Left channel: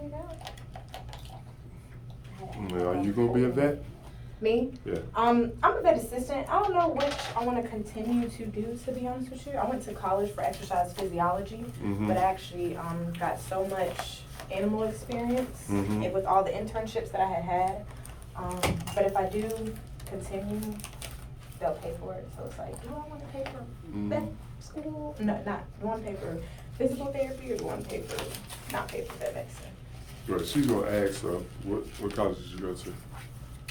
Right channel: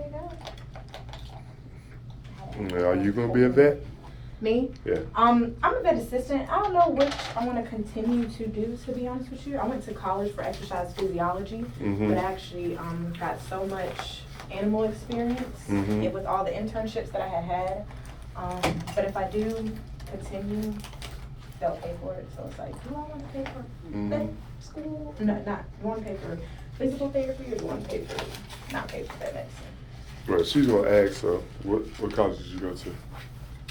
you go. Are you gonna be a vet? Me? Yeah. I'm a vet assistant. I don't know which I want to continue to do, to be honest with you. I went to college for exercise physiology, but I actually got so much animal experience with all the internships that I had. But if I do continue, they'll pay for it. So it's like, do I want to pay for vet school? No, not. You want to pay for physical therapy, or you want to pay for not pay for vet medicine? Right, she's gonna ask, so what college did you go to?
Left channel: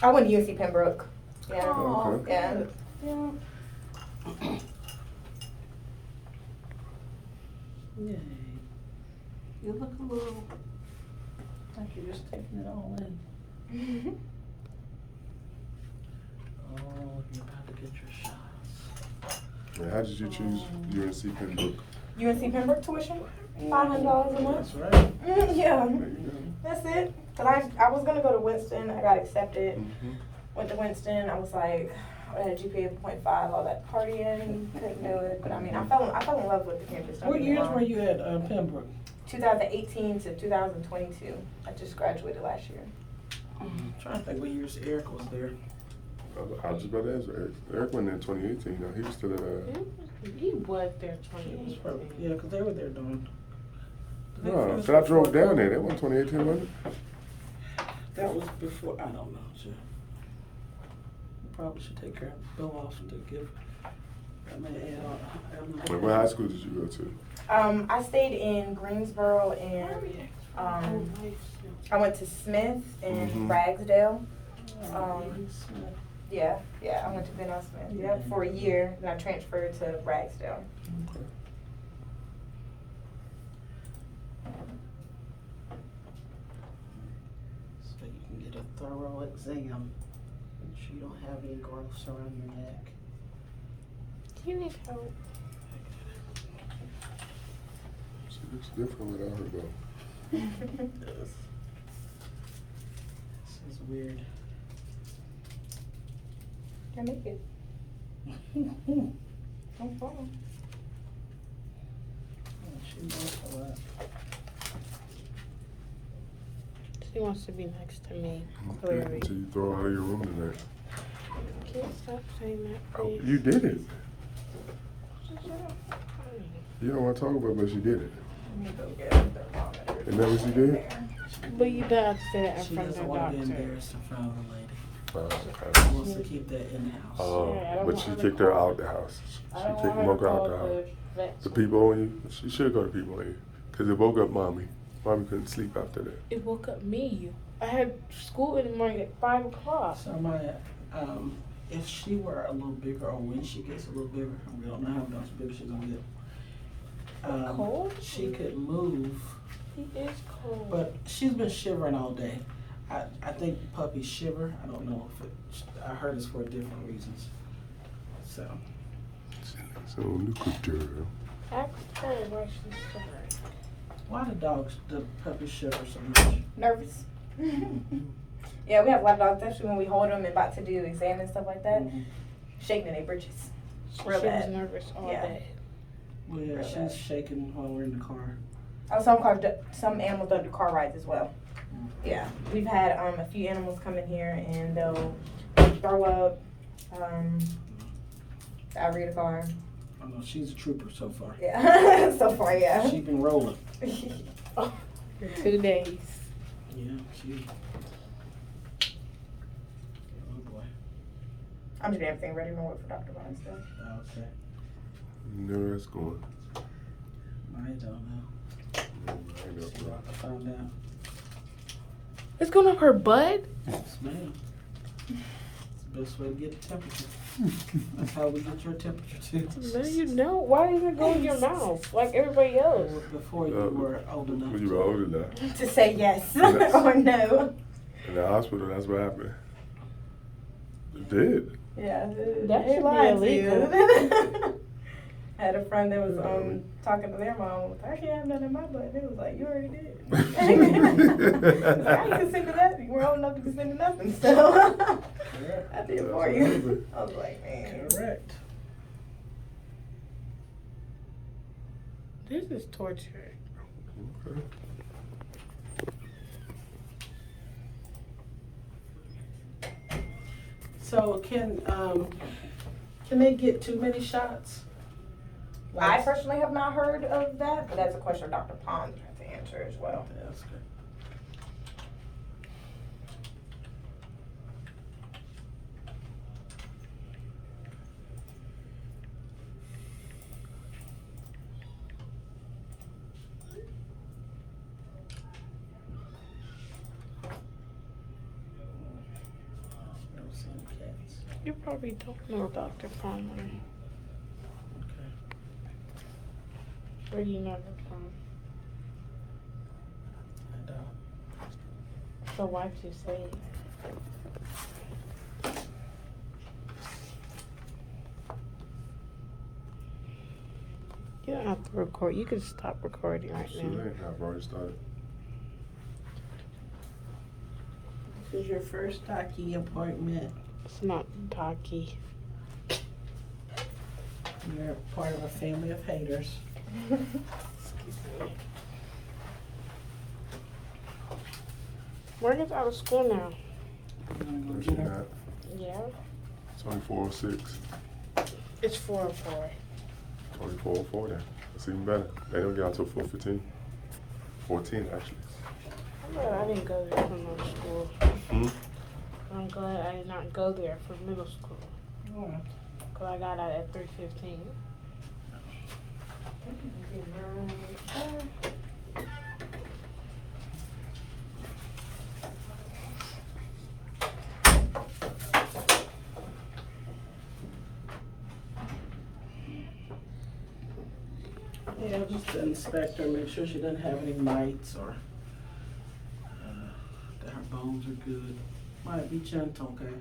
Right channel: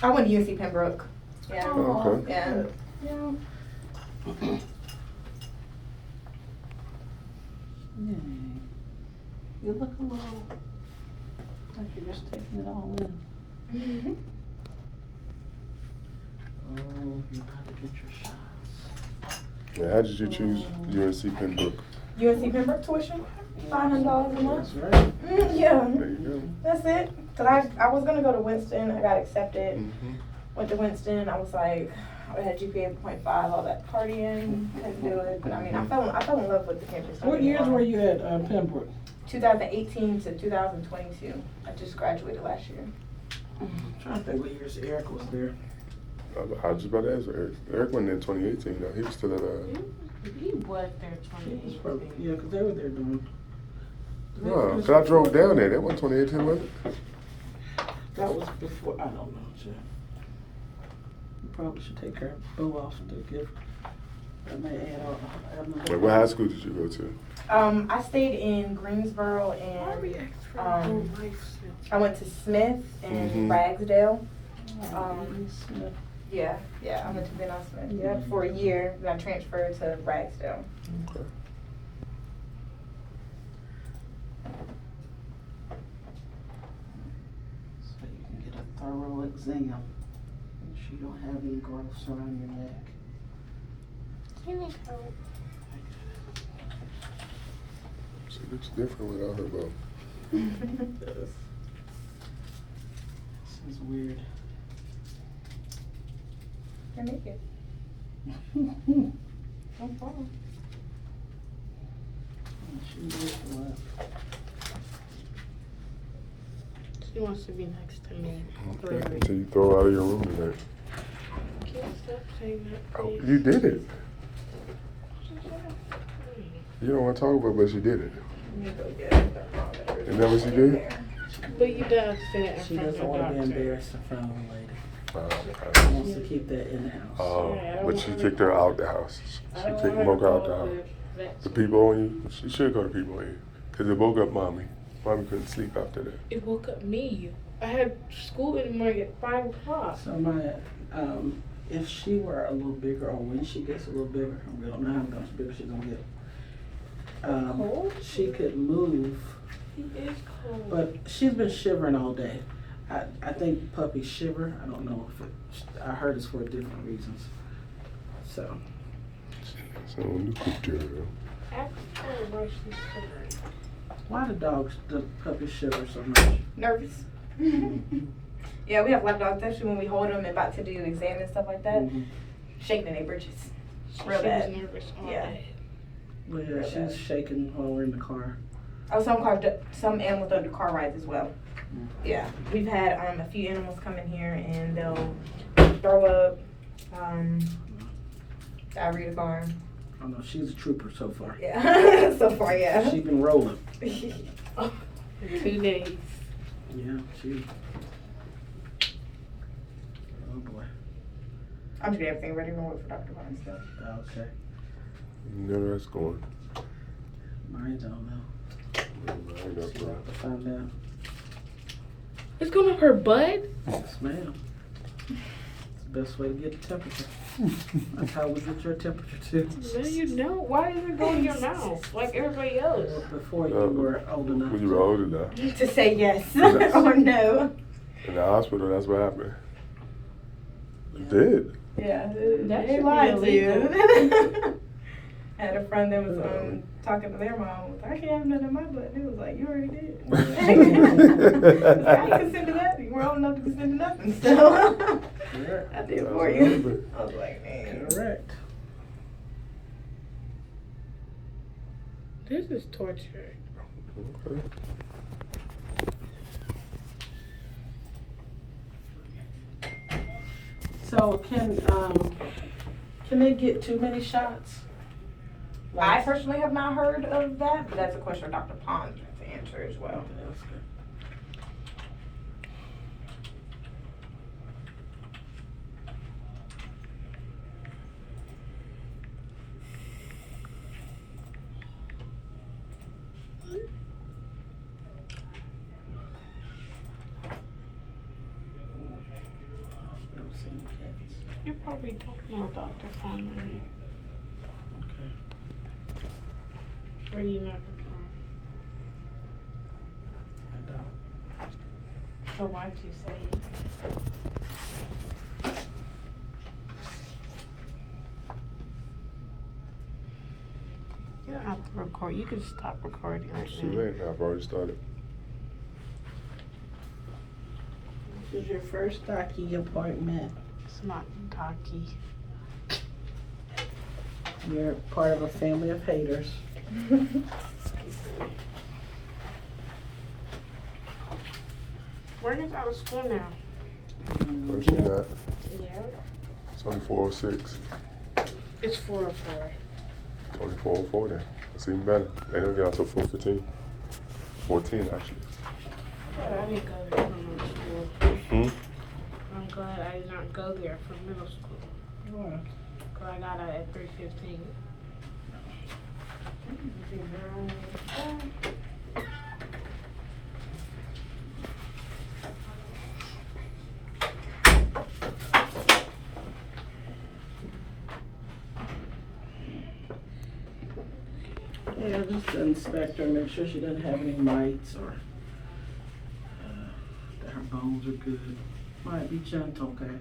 I went to UNC Pembroke. Yeah. Oh, okay. Yeah. Yeah. Yay. You look a little like you're just taking it all in. Oh, you're about to get your shots. Yeah, how did you choose UNC Pembroke? UNC Pembroke tuition? $500 a month. That's right. Yeah. There you go. That's it. Cause I was gonna go to Winston. I got accepted. Went to Winston. I was like, I had a GPA of 0.5. All that partying, couldn't do it. But I mean, I fell in love with the campus. don't What get me years wrong. were you at Pembroke? 2018 to 2022. I just graduated last year. I'm trying to think what years Eric was there. I was just about to ask Eric. Eric went in 2018 though. He was still at He was there He was 2018. probably, yeah, because they were there doing. No, cause I drove down there. That wasn't 2018, was it? That was before, I don't know, Jeff. You probably should take our bill off to give, that may add on. Wait, what high school did you go to? I stayed in Greensboro and I went to Smith and Ragsdale. Yeah, I went to Van Nuys Smith for a year, then I transferred to Ragsdale. Okay. So you can get a thorough exam. Make sure you don't have any growths around your neck. Do you need help? She looks different without her bow. This is weird. I make it. No problem. She knows a lot. She wants to be next to me. Okay. Until you throw her out of your room tonight. Can you stop saying that, Oh, please? you did it. You don't want to talk about it, but she did it. Isn't that what she did? But you don't have to say that in She front of doesn't the want to be doctor. embarrassed in front of the lady. Okay. She wants to keep that in the house. But she kicked her out the house. She kicked Mocha out the house. The people on you, she should go to people on you. Because it woke up mommy. Mommy couldn't sleep after that. It woke up me. I had school in the morning at 5 o'clock. So my, if she were a little bigger, or when she gets a little bigger, we don't know how much bigger she's gonna get. Cold? She could move, He is cold. but she's been shivering all day. I think puppies shiver. I don't know if it. I heard it's for different reasons. So. So look at her. After her, no, she's sorry. Why do the puppies shiver so much? Nervous. Yeah, we have a lot of dogs, especially when we hold them and about to do exam and stuff like that. Shaking in their britches. She Real was bad. nervous all Yeah. day. Well, yeah, she's shaking while we're in the car. Oh, some animals don't do car rides as well. Yeah, we've had a few animals come in here and they'll throw up, diarrhea the car. Oh no, she's a trooper so far. Yeah, so far, yeah. She's been rolling. For 2 days. Yeah, she. Oh boy. I'm just getting everything ready to wait for Dr. Vaughn still. Okay. You know where that's going. Mine don't know. I know, She's bro. about to find out. It's going up her butt? Yes, ma'am. It's the best way to get the temperature. That's how we get your temperature too. No, you don't. Why is it going in your mouth like everybody else? Before you were old enough. When you were old enough. To say yes or no. In the hospital, that's what happened. It did. Yeah, That they should lied be to you. illegal. I had a friend that was talking to their mom. I can't have nothing in my butt. He was like, "You already did." I didn't consent to that. You weren't old enough to consent to nothing, so Correct. I did it for you. I was like, man. Correct. This is torture. Okay. So can they get too many shots? I personally have not heard of that, but that's a question Dr. Pond has to answer as well. That's good. Don't see any cats. You probably don't know Dr. Farmer. Okay. Where do you know her from? I don't. So why'd you say it? You don't have to record. You can stop recording right It's now. too late now. I've already started. This is your first doctor appointment. It's not talky. You're part of a family of haters. Morgan's out of school now. No, she's not. Yeah. It's only 4:06. It's 4:04. Only 4:04 then. That's even better. They don't get out till 4:15. 14 actually. I'm glad I didn't go there for middle school. Hmm? I'm glad I did not go there for middle school. Oh. Cause I got out at 3:15. Yeah, just the inspector, make sure she doesn't have any mites or that her bones are good. Might be gentle, okay?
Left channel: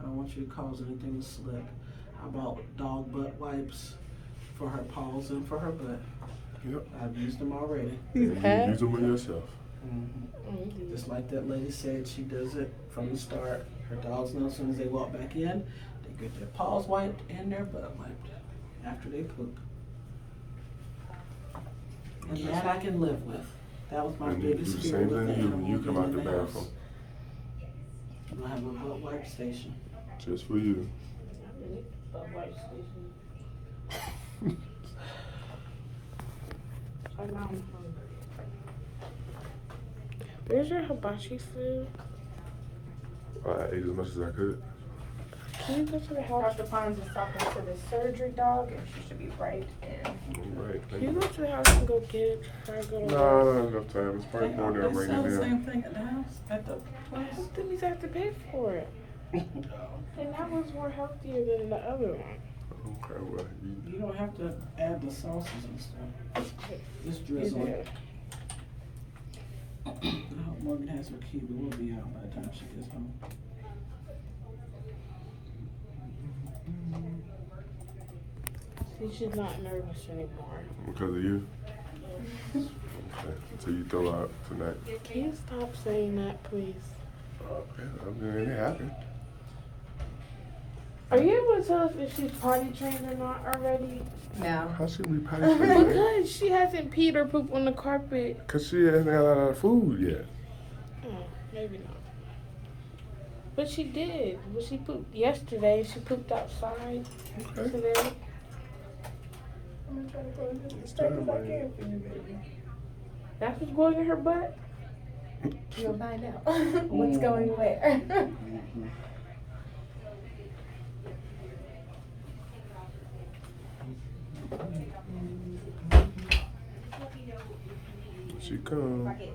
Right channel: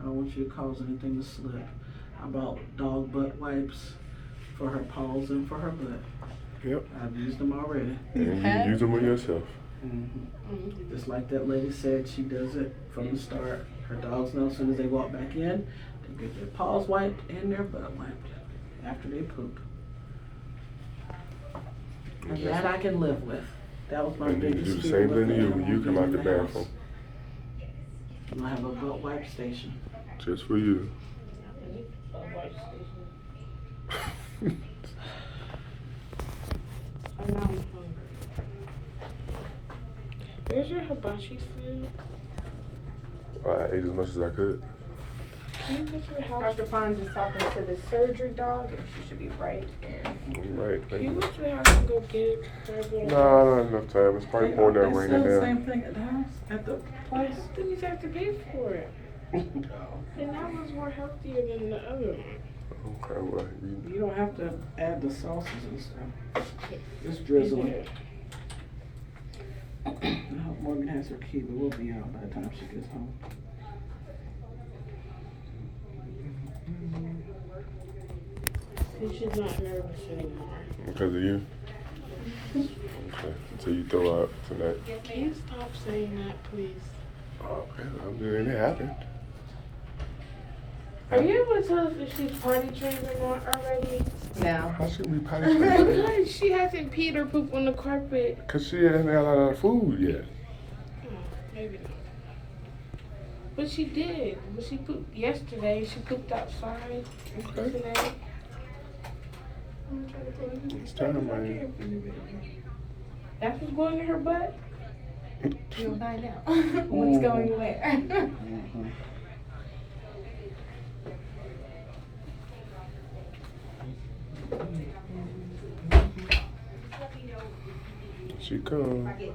I don't want you to cause anything to slip. I bought dog butt wipes for her paws and for her butt. Yep. I've used them already. And you use them on yourself. Mm-hmm. Just like that lady said, she does it from the start. Her dogs know as soon as they walk back in, they get their paws wiped and their butt wiped after they poop. And that I can live with. That was my And you biggest do the fear same with thing to you when you anyone come out being the in house. bathroom. I'm gonna have a butt wipe station. Just for you. I need a white station. Oh, now I'm hungry. Where's your hibachi food? I ate as much as I could. Can you go to the house? Dr. Pond is talking to the surgery dog, and she should be right in. All right, Can thank you you. go to the house and go get it for a little No, I don't have enough time. It's probably pouring down They raining sell the now. same thing at the house, at the place. Then you have to pay for it. And that was more healthier than the other one. Okay, well, you, You don't have to add the sauces and stuff. Just drizzle it. I hope Morgan has her key, but we'll be out by the time she gets home. And she's not nervous anymore. because of you. Okay, until you throw out tonight. Can you stop saying that, please? Okay, I mean, it happened. Are you able to tell us if she's potty trained or not already? No. How should we potty train? Because she hasn't peed or pooped on the carpet. Because she hasn't got a lot of food yet. Oh, maybe not. But she did. But she pooped yesterday. She pooped outside Okay. today. It's time, man. That's what's going in her butt? You'll find out. What's going where? She come. If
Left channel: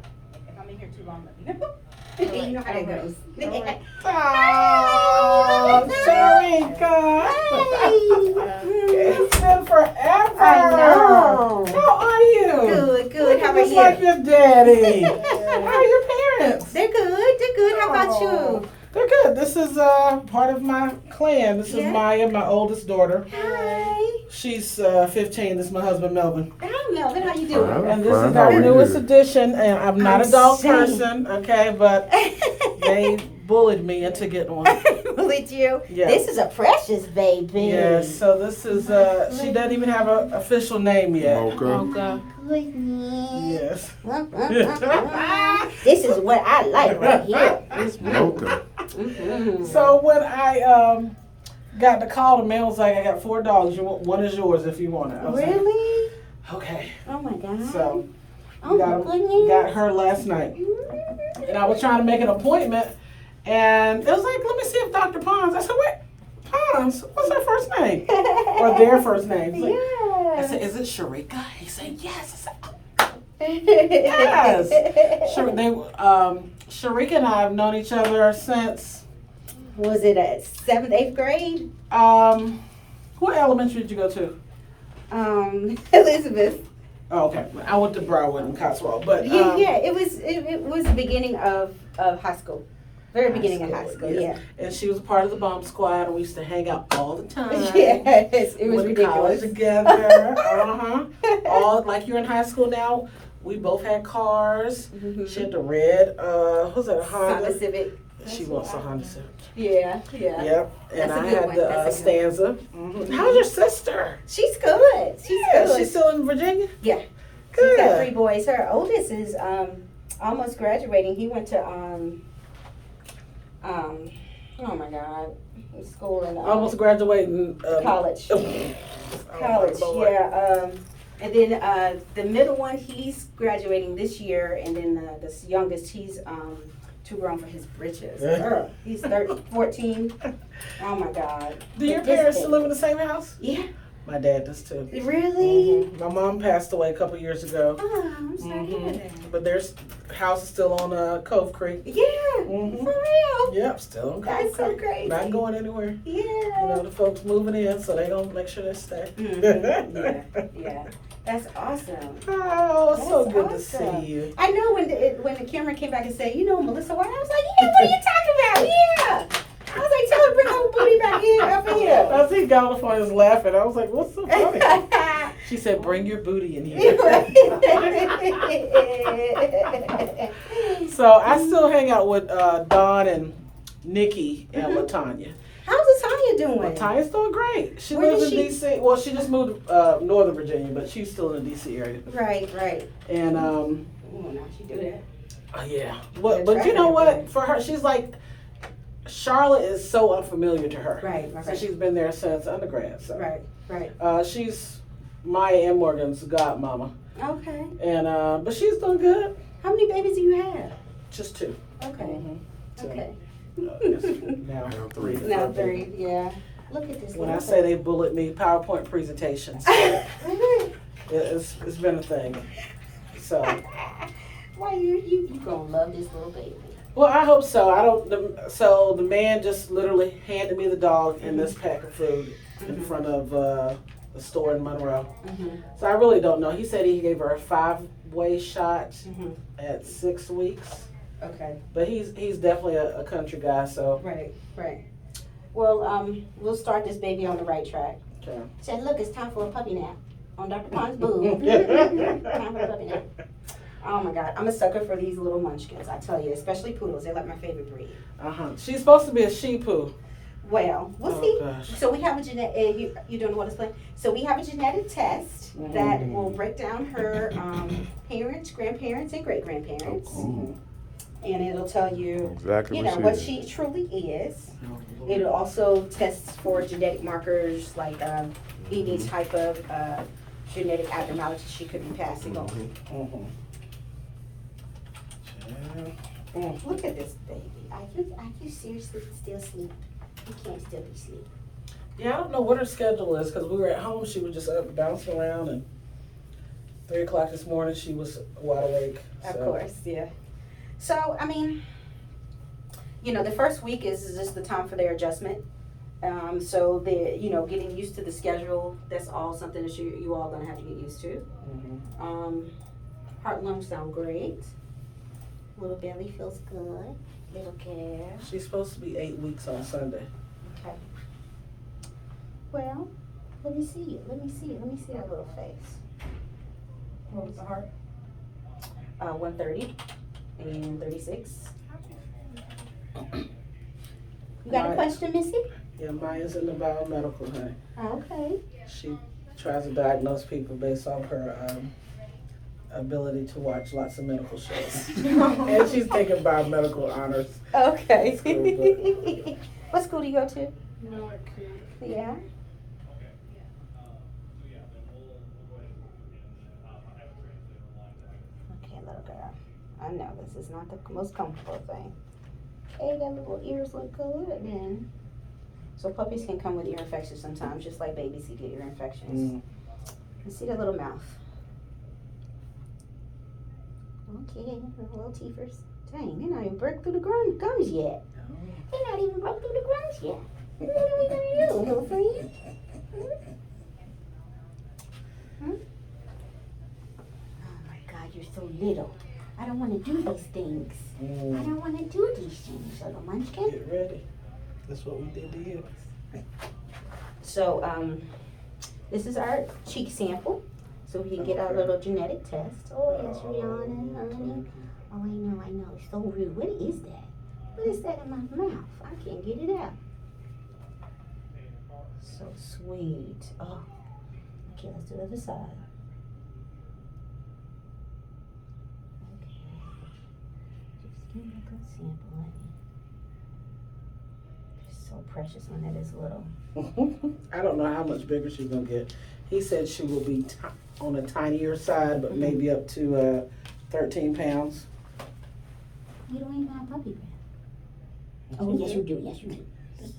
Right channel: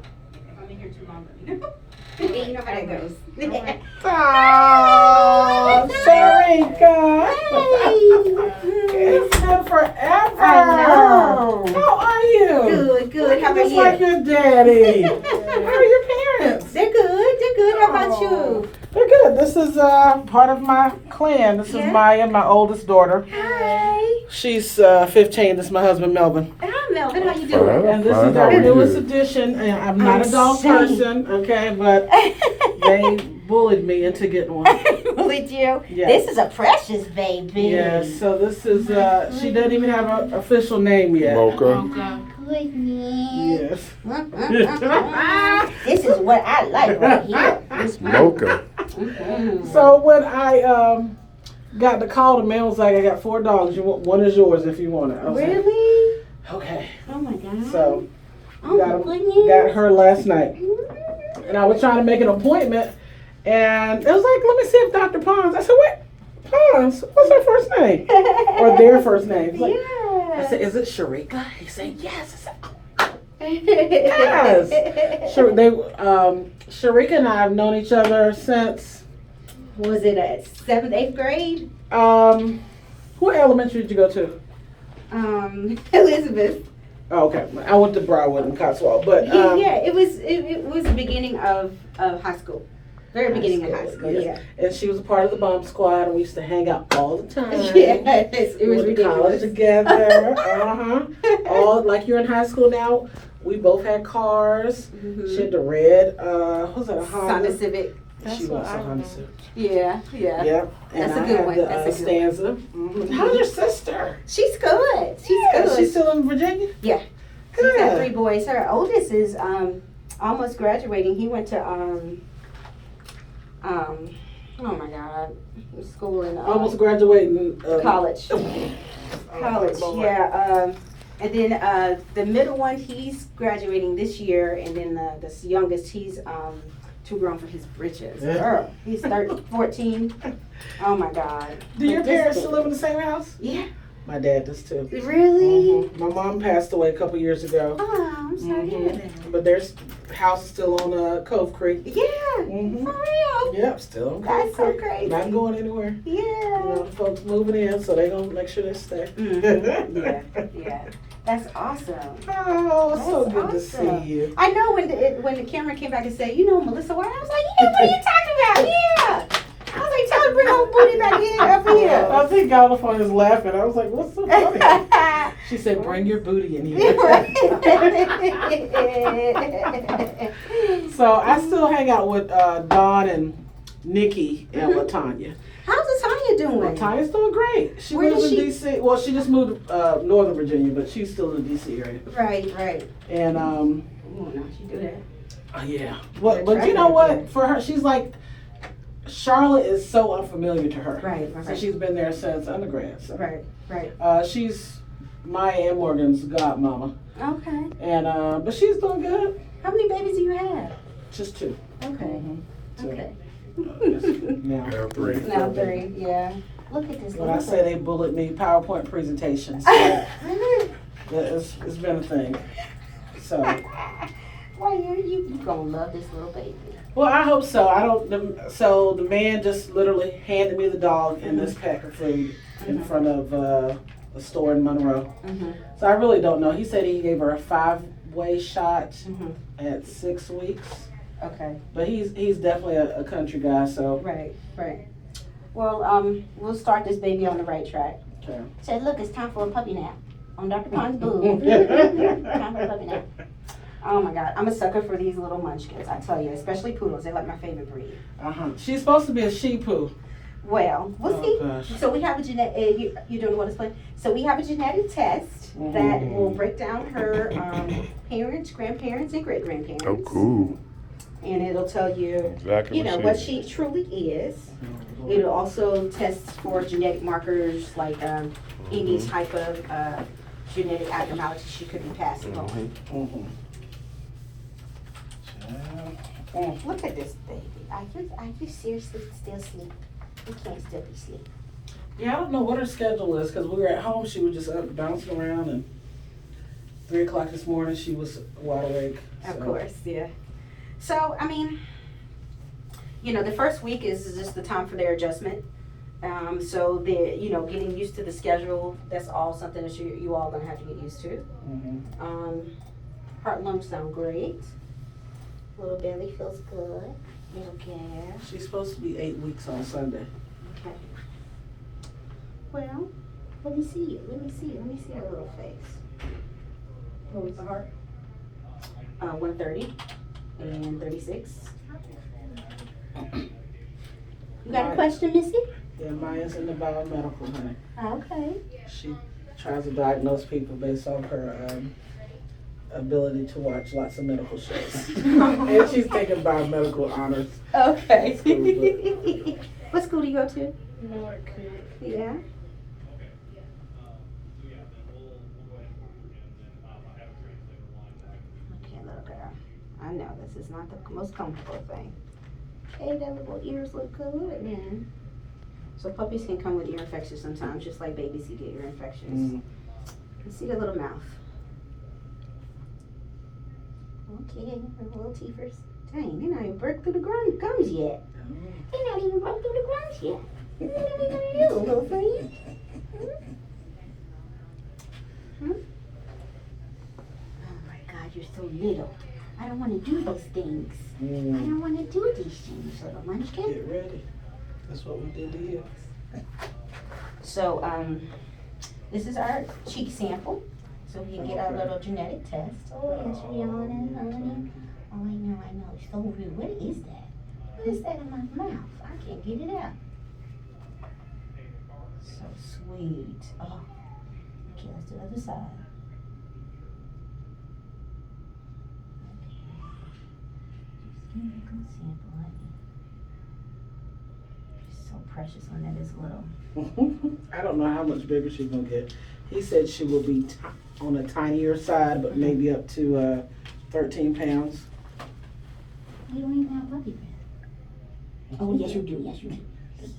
I'm in here too long, let me know. You know how that goes. Oh, Sharika! It's been forever. I know. How are you? Good, good. How about Just like you? your daddy. How are your parents? They're good. They're good. How about you? They're good. This is part of my clan. This is Yeah. Maya, my oldest daughter. Hi. She's 15. This is my husband, Melvin. Hi, Melvin. How you Fine. doing? And this Fine, is how our are you? newest addition. And I'm not I'm a dog saying. person, okay? But they bullied me into getting one. With you? Yeah. This is a precious baby. Yes, so this is, she doesn't even have an official name yet. Mocha. Okay. Goodness. Yes. This is what I like right here. It's Mocha. So when I got the call, the man was like, "I got 4 dogs. One is yours if you want it." I was Really? like, "Okay." Oh my God. So oh my goodness. got her last night, and I was trying to make an appointment, and it was like, "Let me see if Dr. Pons." I said, "Wait, Pons? What's her first name or their first name?" He's like, Yeah. I said, "Is it Sharika?" He said, "Yes." I said, "Yes." Sure. Sharika and I have known each other since. Was it at 7th, 8th grade? What elementary did you go to? Elizabeth. Oh, okay. I went to Broadwood and Cotswold, but Yeah, it was the beginning of high school. Very beginning of high school, yeah. And she was a part of the bomb squad, and we used to hang out all the time. Yes, it was Went to college ridiculous. together. All like you're in high school now. We both had cars. She had the red, what's that, Honda? Honda Civic. She wants a Honda Civic. Yeah. Yep. And That's a I good had one. the That's a good Stanza. How's your sister? She's good. She's Yeah, good. she's still in Virginia? Yeah. Good. She's got 3 boys. Her oldest is almost graduating. He went to oh my God, school in Almost graduating. college. College, Lord. yeah. And then the middle one, he's graduating this year, and then the youngest, he's too grown for his britches. Girl, he's 14. Oh my God. Do your But this parents thing- still live in the same house? Yeah. My dad does too. Really? My mom passed away a couple years ago. Oh, I'm sorry to hear that. But their house is still on Cove Creek. Yeah, Mhm. for real. Yep, still on Cove That's so Creek. crazy. Not going anywhere. Yeah. You know, the folks moving in, so they gonna make sure they stay. Yeah. That's awesome. Oh, it's so That's good awesome. to see you. I know when the camera came back and said, you know Melissa White, I was like, yeah, what are you talking about? Yeah. I was like, tell her to bring her old booty back in up here. I think got on the phone and was laughing. I was like, what's so funny? She said, bring your booty in here. So I still hang out with Dawn and Nikki and LaTanya. How's Latanya doing? LaTanya's doing great. She Where lives in does she- D.C. Well, she just moved Northern Virginia, but she's still in the D.C. area. Right. And Oh, no, she do that. yeah. But you know what? For her, she's like, Charlotte is so unfamiliar to her. Right. So she's been there since undergrad. So. Right. She's Maya and Morgan's godmama. Okay. And but she's doing good. How many babies do you have? Just 2. Okay. So, Okay. now Now 3. Now 3, yeah. Look at this. When I say they bullet me, PowerPoint presentations. So it's been a thing. So Why you gonna love this little baby? well, I hope so. I don't. So the man just literally handed me the dog and this pack of food in front of a store in Monroe. So I really don't know. He said he gave her a 5-way shot at 6 weeks. Okay. But he's definitely a country guy. So Right. Well, we'll start this baby on the right track. okay. Said, look, it's time for a puppy nap on Dr. Pond's boob. Time for a puppy nap. Oh my God, I'm a sucker for these little munchkins. I tell you, especially poodles. They're like my favorite breed. She's supposed to be a Shih-Poo. Well, we'll see. Gosh. So we have a genetic. You don't know what it's like. So we have a genetic test that will break down her parents, grandparents, and great grandparents. Oh, cool. And it'll tell you, Exactly you know, what what she is. she truly is. It'll also test for genetic markers like any type of genetic abnormality she could be passing on. Look at this baby. Are you seriously still asleep? You can't still be asleep. Yeah, I don't know what her schedule is because we were at home. She was just up bouncing around, and 3 o'clock this morning she was wide awake. Of so. course, yeah. So, I mean, you know, the first week is just the time for their adjustment. So they're, you know, getting used to the schedule. That's all something that you all gonna have to get used to. Heart and lungs sound great. Little belly feels good. Little gas. She's supposed to be 8 weeks on Sunday. Okay. Well, let me see it. Let me see her little face. What was the heart? 130 and 36. You got a question, Missy? Yeah, Maya's in the biomedical, honey. Okay. She tries to diagnose people based on her ability to watch lots of medical shows. And she's taking biomedical honors. Okay. School, What school do you go to? North Creek. Yeah. Okay, little girl. I know this is not the most comfortable thing. Hey, that little ears look good, man. So puppies can come with ear infections sometimes, just like babies can get ear infections. You see the little mouth. Okay, her little teethers. Dang, they're not even broke through the gums yet. They're not even broke through the gums yet. What are we gonna do, little friend? Hmm? Oh my God, you're so little. I don't want to do these things. I don't want to do these things, little munchkin. Get ready. That's what we did to you. So, this is our cheek sample, so we can get our little genetic test. Oh, yes, you're yawning, honey. Oh, I know. It's so rude. What is that? What is that in my mouth? I can't get it out. So sweet. Oh, okay, let's do the other side. Okay. Just give me a good sample, honey. She's so precious when that is little. I don't know how much bigger she's gonna get. He said she will be on the tinier side, but maybe up to 13 pounds. You don't even have puppy breath. Oh, yes, you do. Yes, you do. Yes.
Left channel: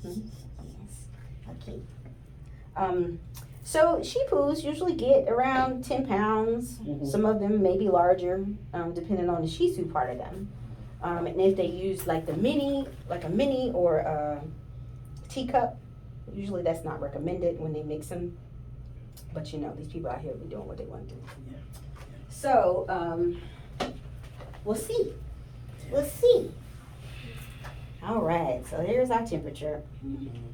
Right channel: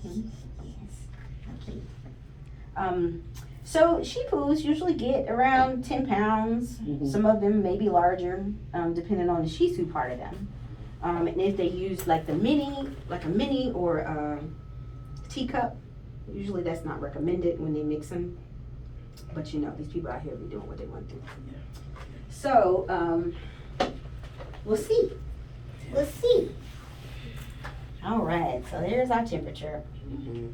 Okay. So Shih Tzus usually get around 10 pounds. Some of them may be larger, depending on the Shih Tzu part of them. And if they use like a mini or a teacup, usually that's not recommended when they mix them. But you know, these people out here be doing what they want to do. So, we'll see. We'll see. All right, so here's our temperature. You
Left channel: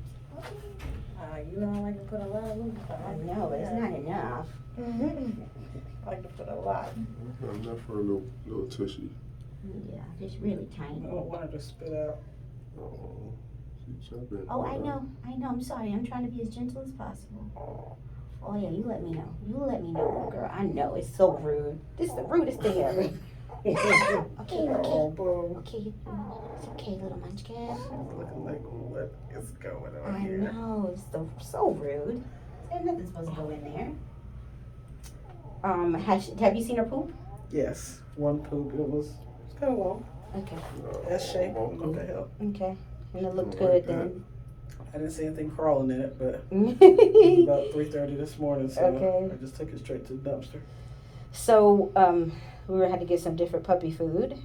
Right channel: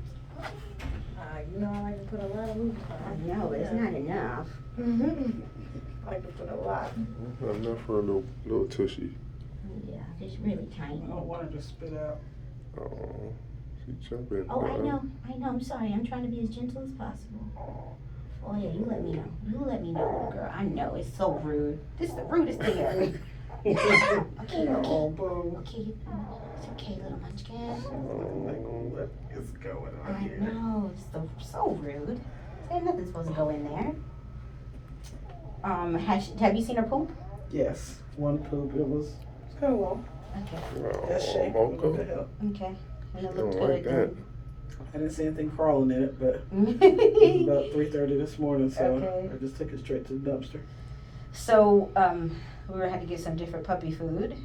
know, I like to put a lot of food I know, but it's not enough. I like to put a lot. Enough for a little tushy. Yeah, it's really tiny. I don't want her to spit out. Oh, she jumping. Oh, I know. I'm sorry. I'm trying to be as gentle as possible. Oh yeah, you let me know. You let me know, little girl. I know, it's so rude. This is the rudest thing ever. Okay. Oh, Bo. Okay, it's okay, little munchkin. Like, what is going I on here? know, it's so rude. There's nothing supposed to go in there. Have you seen her poop? Yes, one poop. It was kind of long. Okay. That shape would help. Okay. And it looked Don't like good. I didn't see anything crawling in it, but Then. it was about 3:30 this morning, so Okay. I just took it straight to the dumpster. So, we had to get some different puppy food.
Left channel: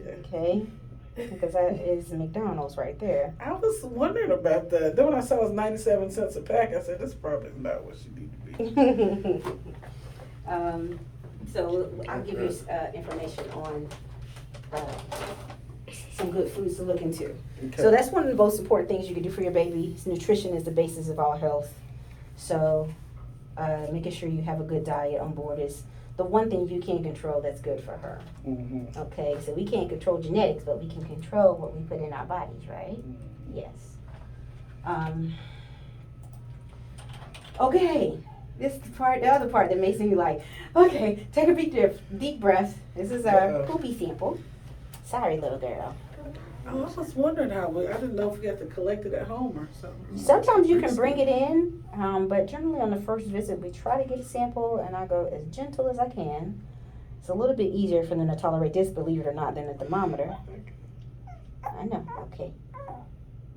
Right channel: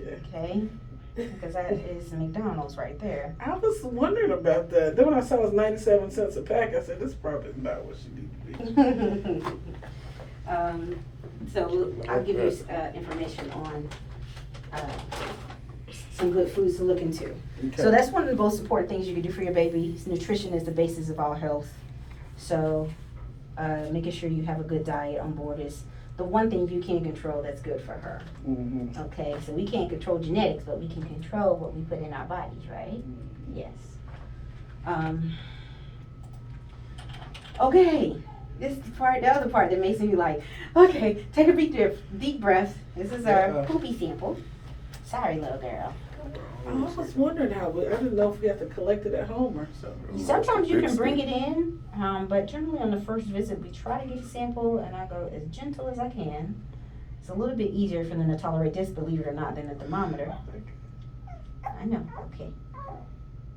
Okay. Okay. Because that is McDonald's right there. I was wondering about that. Then when I saw it was 97 cents a pack, I said, this probably is not what she needs to be. So I'll give you information on some good foods to look into. Okay. So that's one of the most important things you can do for your baby. Nutrition is the basis of all health. So making sure you have a good diet on board is the one thing you can control that's good for her. Mm-hmm. Okay, so we can't control genetics, but we can control what we put in our bodies, right? Yes. Okay, this is the other part that makes me like, okay, take a deep breath. This is our poopy sample. Sorry, little girl. I was wondering how I didn't know if we had to collect it at home or something. Sometimes you can bring it in, but generally on the first visit, we try to get a sample, and I go as gentle as I can. It's a little bit easier for them to tolerate this, believe it or not, than a thermometer. I know. Okay.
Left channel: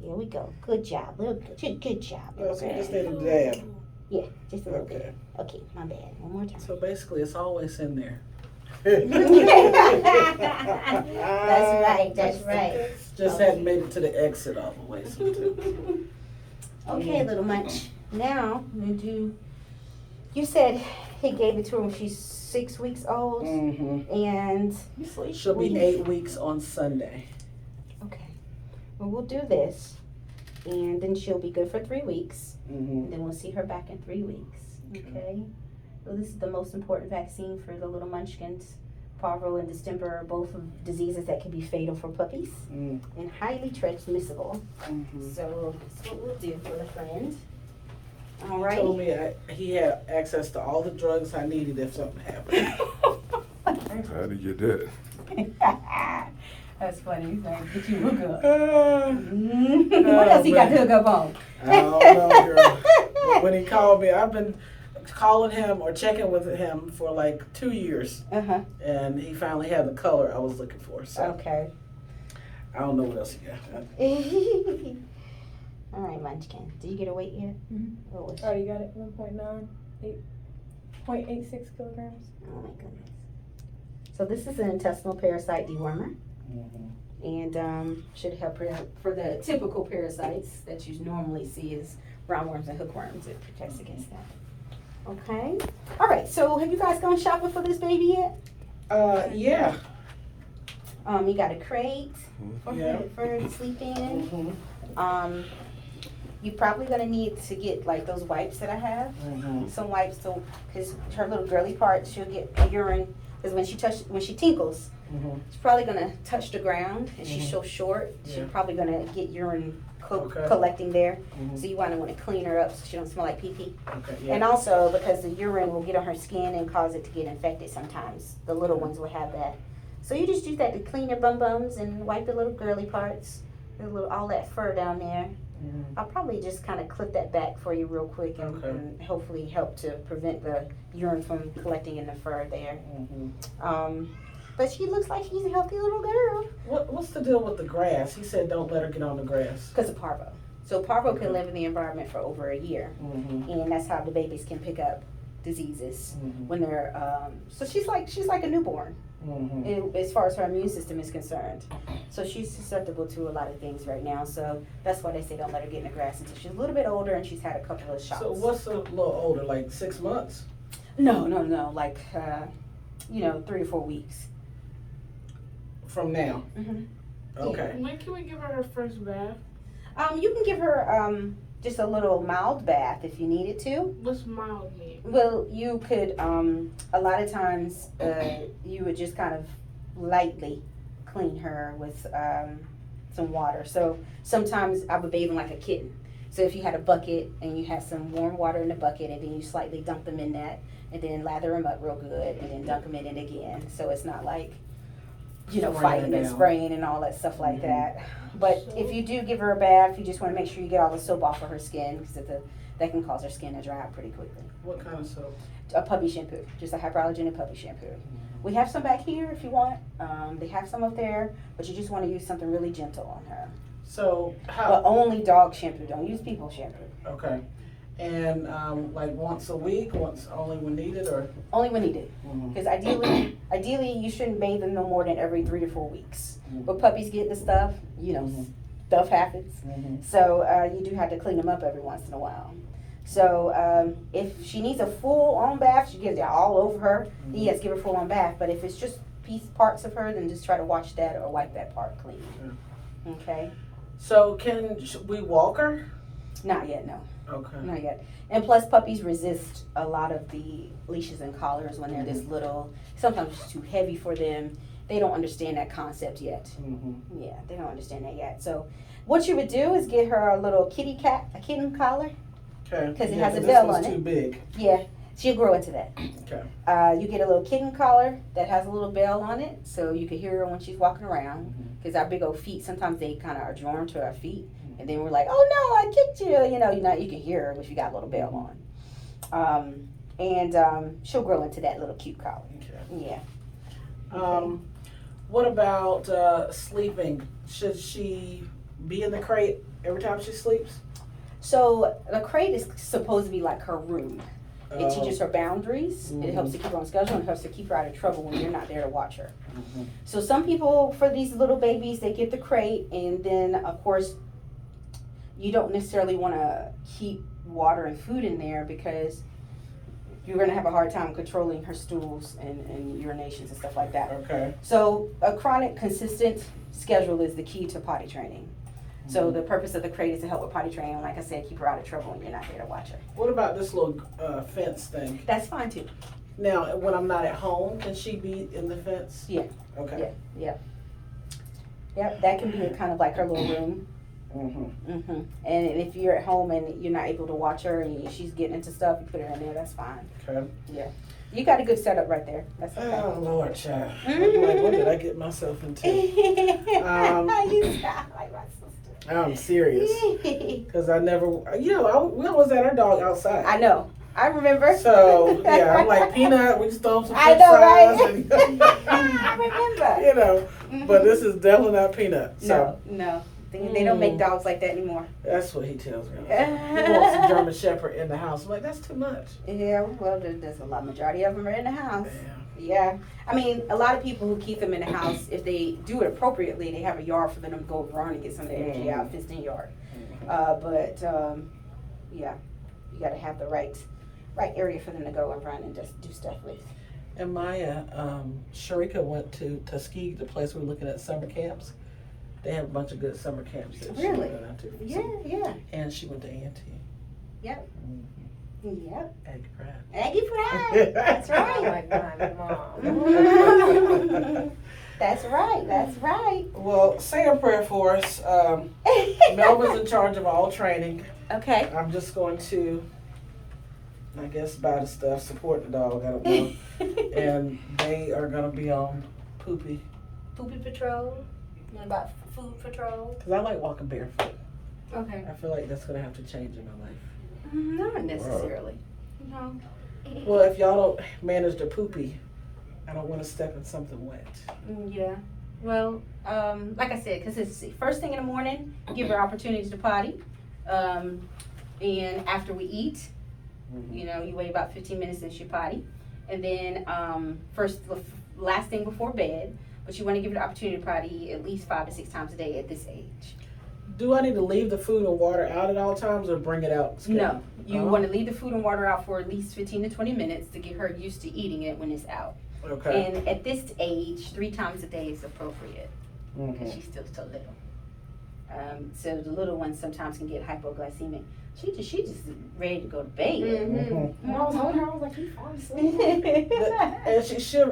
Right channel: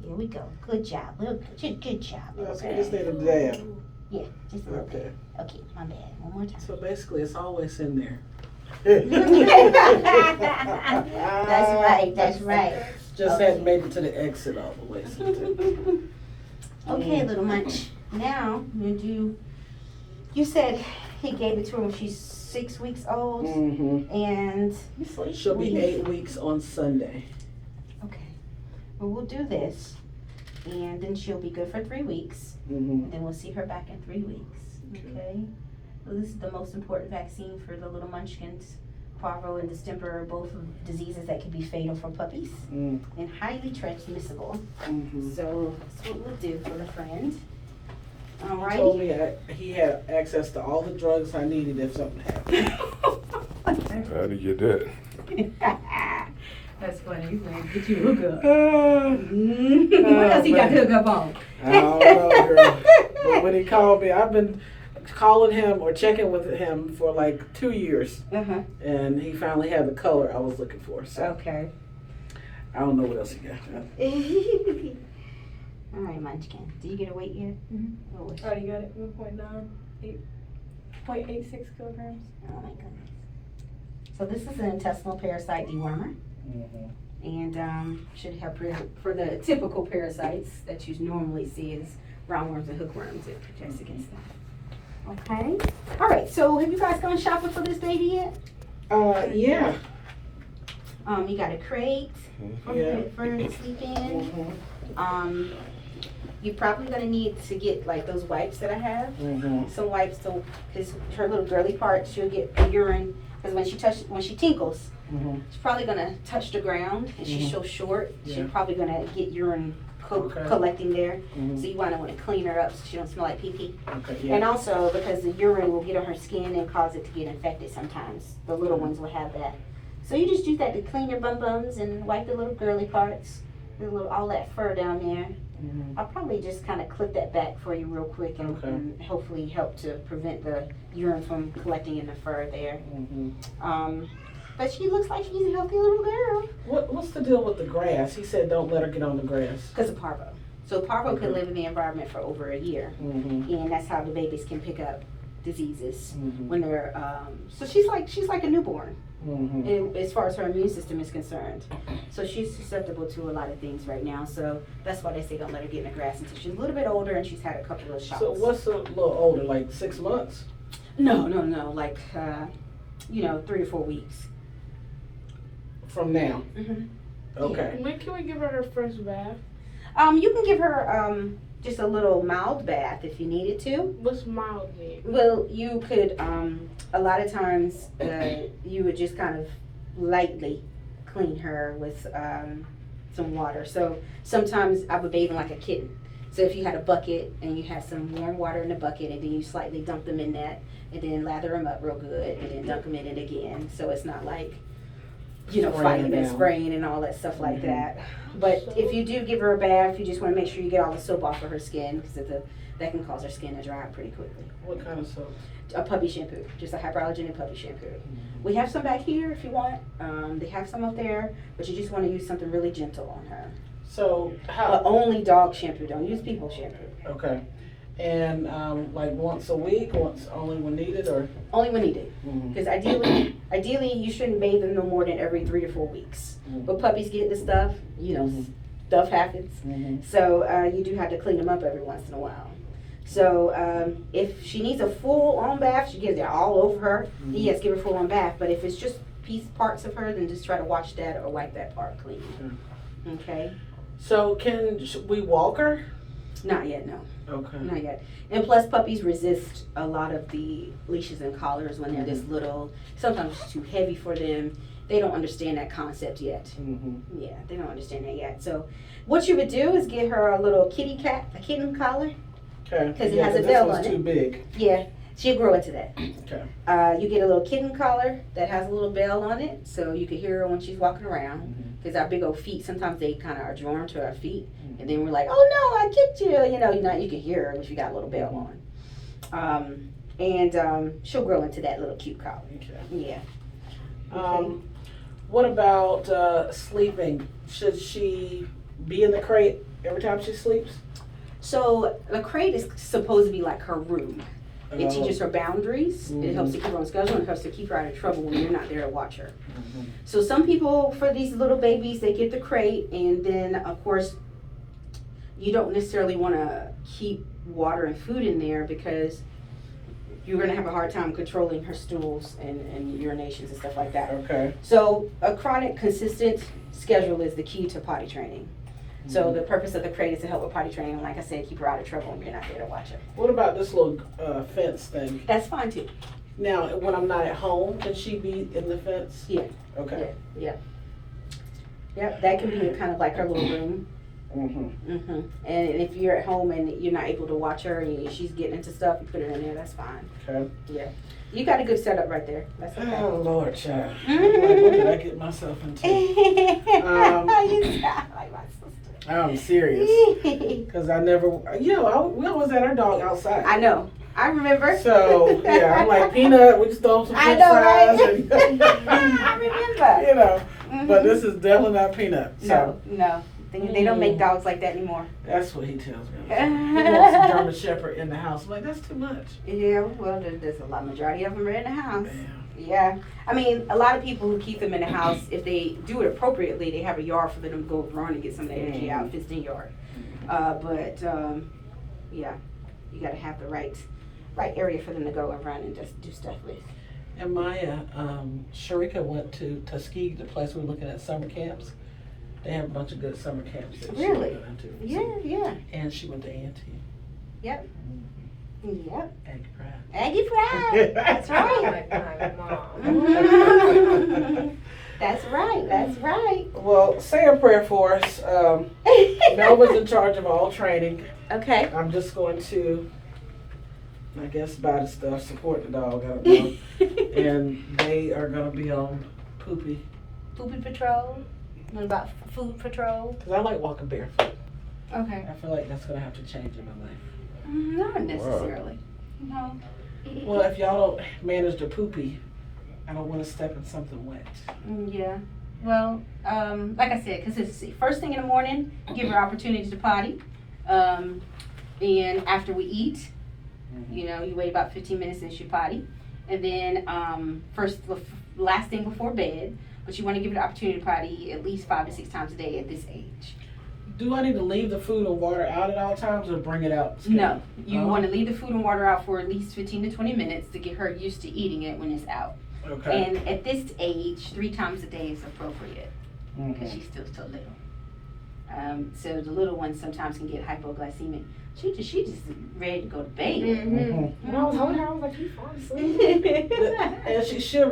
Here we go. Good job. Good job. Well, so you just need a dab. Yeah, just a little Okay. bit. Okay, my bad. One more time. So basically, it's always in there. That's right. Just hadn't made it to the exit all the way. Okay, little munch. Now, you said he gave it to her when she's 6 weeks old, Mm-hmm. and She'll be 8 weeks on Sunday. okay. Well, we'll do this, and then she'll be good for 3 weeks. Mm-hmm. Then we'll see her back in 3 weeks. Okay. Well, this is the most important vaccine for the little munchkins. Parvo and distemper are both diseases that can be fatal for puppies and highly transmissible. Mm-hmm. So that's what we'll do for a friend. He told me he had access to all the drugs I needed if something happened. How do you get that? That's funny. He's like, get you a hookup. Uh, What else he got man. to hook up on? I don't know, girl. But when he called me, I've been calling him or checking with him for like 2 years, Uh-huh. and he finally had the color I was looking for. So Okay. I don't know what else he got. All right, Munchkin. Do you get a weight yet? What was Oh, you got it, 1.9, 8.86 kilograms. Oh my goodness. So this is an intestinal parasite dewormer, and should help for the typical parasites that you normally see is roundworms and hookworms. It protects against that. Okay. All right. So have you guys gone shopping for this baby yet? Yeah. You got a crate for Yeah. her to sleep in. You're probably gonna need to get like those wipes that I have. Some wipes so because her little girly part she'll get urine because when she tinkles she's probably gonna touch the ground and she's so short she's Yeah. probably gonna get urine Okay. collecting there, so you want to clean her up so she don't smell like pee pee. Okay. Yeah. And also because the urine will get on her skin and cause it to get infected sometimes. The little ones will have that, so you just use that to clean their bum bums and wipe the little girly parts, all that fur down there. I'll probably just kind of clip that back for you real quick Okay. and hopefully help to prevent the urine from collecting in the fur there. But she looks like she's a healthy little girl. What's the deal with the grass? He said don't let her get on the grass. Because of parvo. So parvo Okay. can live in the environment for over a year. And that's how the babies can pick up diseases when they're, so she's like a newborn. And as far as her immune system is concerned. So she's susceptible to a lot of things right now. So that's why they say don't let her get in the grass until she's a little bit older and she's had a couple of shots. So what's a little older, like 6 months? No, like, 3 or 4 weeks. From now? Mhm. Okay. When can we give her first bath? You can give her, just a little mild bath if you needed to. What's mild mean? Well, you could, a lot of times, you would just kind of lightly clean her with, some water. So sometimes I would bathe them like a kitten. So if you had a bucket and you had some warm water in the bucket and then you slightly dump them in that and then lather them up real good and then dump them in it again. So it's not like, fighting and down. spraying and all that stuff like that. But if you do give her a bath, you just want to make sure you get all the soap off of her skin because that can cause her skin to dry out pretty quickly. What kind of soap? A puppy shampoo, just a hypoallergenic puppy shampoo. We have some back here if you want. They have some up there, but you just want to use something really gentle on her. So But how? only dog shampoo. Don't use people shampoo. Okay. And like once a week, only when needed, or? Only when needed. Because ideally, you shouldn't bathe them no more than every 3 to 4 weeks. But puppies get this stuff, stuff happens. So you do have to clean them up every once in a while. So if she needs a full-on bath, she gets it all over her. Yes, give her a full-on bath. But if it's just parts of her, then just try to wash that or wipe that part clean. Okay? So should we walk her? Not yet, no. Okay. Not yet. And plus, puppies resist a lot of the leashes and collars when they're this little. Sometimes it's too heavy for them. They don't understand that concept yet. Yeah, they don't understand that yet. So what you would do is get her a little a kitten collar. Okay. 'Cause it Yeah, has a this bell one's on it. too big. Yeah, she'll grow into that. Okay. You get a little kitten collar that has a little bell on it, so you can hear her when she's walking around. Because our big old feet, sometimes they kind of are drawn to our feet, and then we're like, "Oh no, I kicked you!" You can hear her if you got a little bell on. And she'll grow into that little cute collar. Okay. Yeah. What about sleeping? Should she be in the crate every time she sleeps? So the crate is supposed to be like her room. It teaches her boundaries. It helps to keep her on schedule and helps to keep her out of trouble when you're not there to watch her. So some people, for these little babies, they get the crate, and then of course, you don't necessarily want to keep water and food in there because you're going to have a hard time controlling her stools and urinations and stuff like that. Okay. So a chronic, consistent schedule is the key to potty training. So the purpose of the crate is to help with potty training, and like I said, keep her out of trouble when you're not there to watch her. What about this little fence thing? That's fine too. Now, when I'm not at home, can she be in the fence? Yeah. Okay. Yeah, that can be kind of like her little room. Mm-hmm. And if you're at home and you're not able to watch her and she's getting into stuff, you put her in there. That's fine. Okay. Yeah, you got a good setup right there. That's okay. Oh Lord, child. I'm like, what did I get myself into? You sound like my sister. I'm serious. Because I never, we always had our dog outside. I know. I remember. So, yeah, I'm like, Peanut, we just throw him some I french know, fries. right? And, I remember. you know, but Mhm. this is definitely not Peanut. So, No. They don't make dogs like that anymore. that's what he tells me. He wants a German Shepherd in the house. I'm like, that's too much. Yeah, well, there's a lot. Majority of them are in the house. Yeah. Yeah. I mean, a lot of people who keep them in the house, if they do it appropriately, they have a yard for them to go run and get some of the energy out, fenced in yard. Yeah, you got to have the right area for them to go and run and just do stuff with. And Maya, Sharika went to Tuskegee, the place we were looking at summer camps. They have a bunch of good summer camps that she Really? went to. Yeah. And she went to A&T. Yep. Yep. Aggie Pride. Aggie Pride. That's right. Like my mom. That's right. That's right. Well, say a prayer for us. Melva's in charge of all training. Okay. I'm just going to, I guess, buy the stuff, support the dog, I don't know. And they are going to be on Poopy. Poopy patrol. What about food patrol? Because I like walking barefoot. Okay. I feel like that's going to have to change in my life. Not necessarily. No. Well, if y'all don't manage the Poopy, I don't want to step in something wet. Yeah. Well, like I said, consistency. First thing in the morning, give her opportunity to potty. And after we eat, you wait about 15 minutes and she potty. And then last thing before bed, but you want to give her the opportunity to potty at least 5 to 6 times a day at this age. Do I need to leave the food and water out at all times or bring it out? No. You want to leave the food and water out for at least 15 to 20 minutes to get her used to eating it when it's out. Okay. And at this age, 3 times a day is appropriate because she's still so little. So the little ones sometimes can get hypoglycemic. She just ready to go to bed. When I was holding her, I was like, you fall asleep. And